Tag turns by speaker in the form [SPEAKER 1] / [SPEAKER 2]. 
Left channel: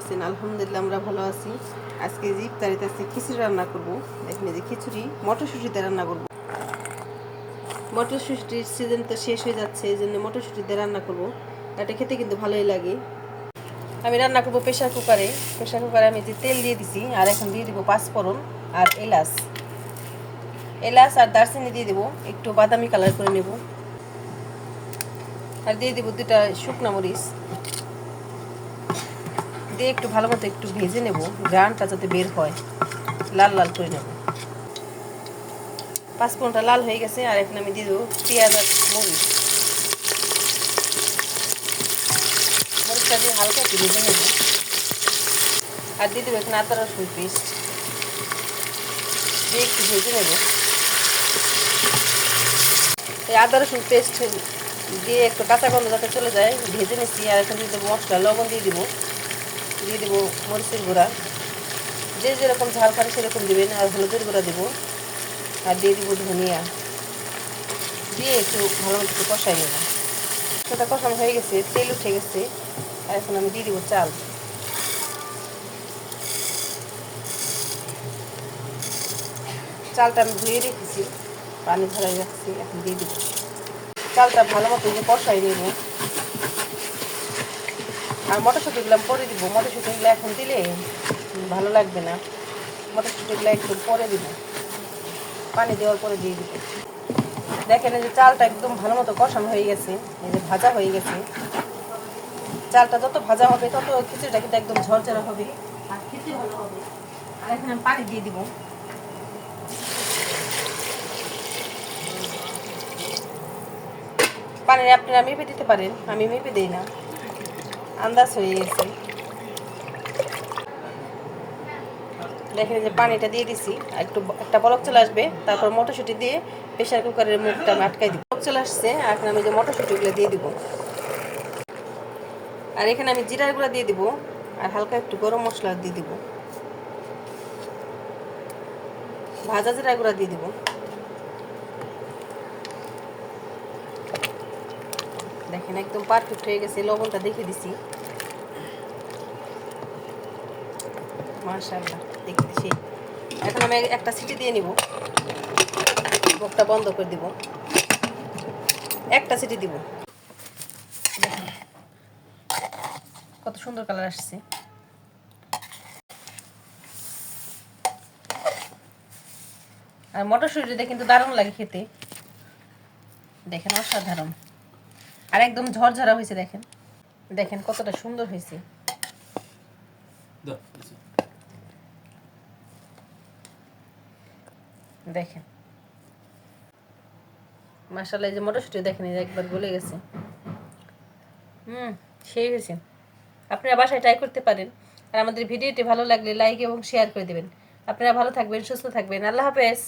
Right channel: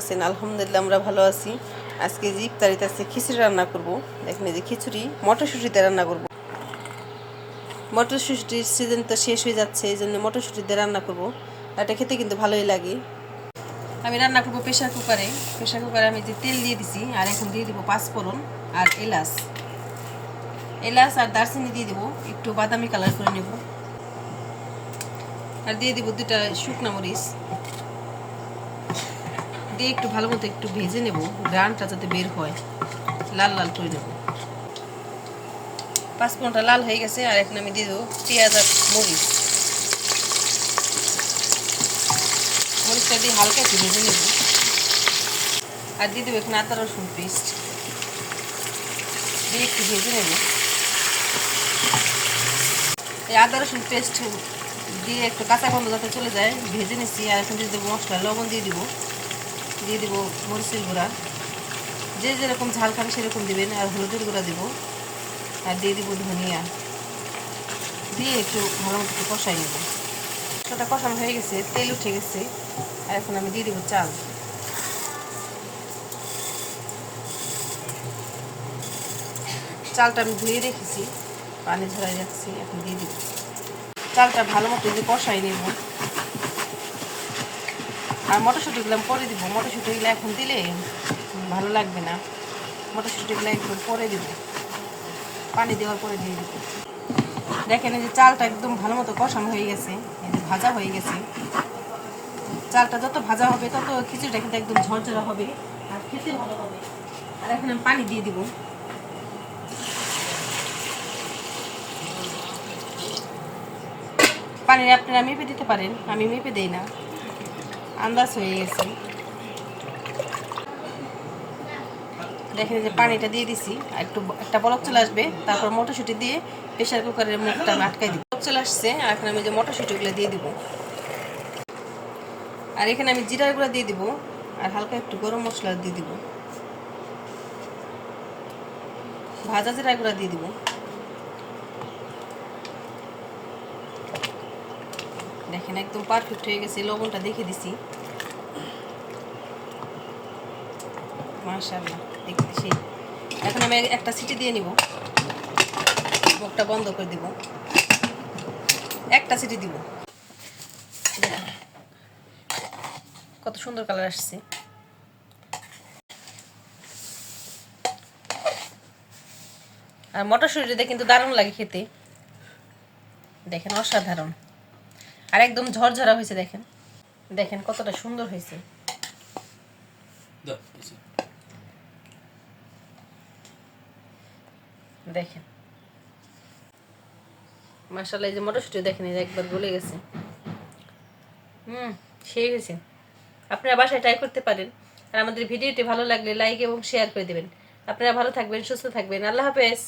[SPEAKER 1] আছেন? আলহামদুলিল্লাহ, আমরা ভালো আছি। আজকে যে ইফতারিতে আছে খিচুড়ি রান্না করব। দেখেন যে খিচুড়ি, মটরশুঁটিতে রান্না করব। মটরশুঁটির সিজন তো শেষ হয়ে যাচ্ছে, এই জন্য মটরশুঁটিতে রান্না করব। এটা খেতে কিন্তু ভালোই লাগে। আমি রান্না করব প্রেশার কুকারে। প্রেশার কুকারে আমি যে তেল দিয়ে দিছি, আর এখন দিয়ে দিব পাঁচফোড়ন আর এলাচ। এলাচ আর দারচিনি দিয়ে দেবো, একটু বাদামি কালার করে নেব। আর দিয়ে দিব দুটা শুকনা মরিচ। দিয়ে একটু ভালো মতো একটু ভেজে নেব, গ্রানটা যাতে বের হয়। লাল লাল করে নেব। পাঁচফোড়নটা লাল হয়ে গেছে, আর এখন আমি দিয়ে দেবো পেঁয়াজ আর মরিচ। মরিচটা দিয়ে হালকা একটু ভেজে নেব। আর দিয়ে দেবো এখানে আদা, রসুন পেস্ট। দিয়ে একটু ভেজে নেব। এই আদা, রসুন পেস্ট দিয়ে একটু কাঁচা গন্ধ যাতে চলে যায়, ভেজে নিচ্ছি। আর এখন দিয়ে দেবো মশলা, লবণ দিয়ে দিব। দিয়ে দেবো মরিচের গুঁড়া। যে যেরকম ঝাল খাবে সেরকম দেবেন, আর হলুদের গুঁড়া দেবো। আর দিয়ে দিব ধনিয়া। দিয়ে একটু ভালো মতো একটু কষাই নেব। সেটা কষানো হয়ে গেছে, তেল উঠে গেছে। আর এখন আমি দিয়ে দেবো চাল। চালটা আমি ধুয়ে রেখেছি, পানি ধরে রাখছি, এখন দিয়ে দিব। চালটা ভালো মতো যে কষাই নেব। আর মটরশুঁটিগুলো পরে দিব। মটরশুঁটিগুলো এখন দিলে ভালো লাগবে না। মটরশুঁটিগুলো একটু পরে দিব। পানি দেওয়ার পরে দিয়ে দিব। দেখেন যে চালটা একদম ভালো মতো কষানো হয়ে গেছে। এই যে ভাজা হয়ে গেছে। চালটা যত ভাজা হবে, তত খিচুড়িটা কিন্তু একদম ঝরঝরা হবে। আর খেতে ভালো হবে। আর এখন আমি পানি দিয়ে দিব। পানি আপনারা মেপে দিতে পারেন। আমি মেপে দিই না। আন্দাজ হয়ে গেছে। দেখেন যে পানিটা দিয়ে দিছি একটু একটা বলক চলে আসবে, তারপর মটরশুঁটি দিয়ে প্রেশার কুকারের মুখটা আমি আটকাই দিব। চলে আসছে এখন আমি যে মটরশুঁটিগুলো দিয়ে দিব। আর এখানে আমি জিরার গুঁড়া দিয়ে দিব, আর হালকা একটু গরম মশলা দিয়ে দিব। ভাজা জিরা গুঁড়া দিয়ে দিব। দেখেন, একদম পারফেক্ট হয়ে গেছে, লবণটা দেখে দিছি। মাশাআল্লাহ দেখতে এখন আমি একটা সিটি দিয়ে নিব। মুখটা বন্ধ করে দিব। একটা সিটি দিব। কত সুন্দর কালার আসছে। আর মটরশুঁটিটা কিন্তু দারুণ লাগে খেতে। দেখেন, অসাধারণ। আর একদম ঝরঝরা হয়েছে দেখেন। দেখেন কতটা সুন্দর হয়েছে। দেখেন। মাসাল্লাহ এই যে মটরশুঁটি দেখেন এই একবার গলে গেছে। হুম সেই হয়েছে। আপনারা বাসায় ট্রাই করতে পারেন। আর আমাদের ভিডিওটি ভালো লাগলে লাইক এবং শেয়ার করে দেবেন। আপনারা ভালো থাকবেন সুস্থ থাকবেন। আল্লাহ হাফেজ।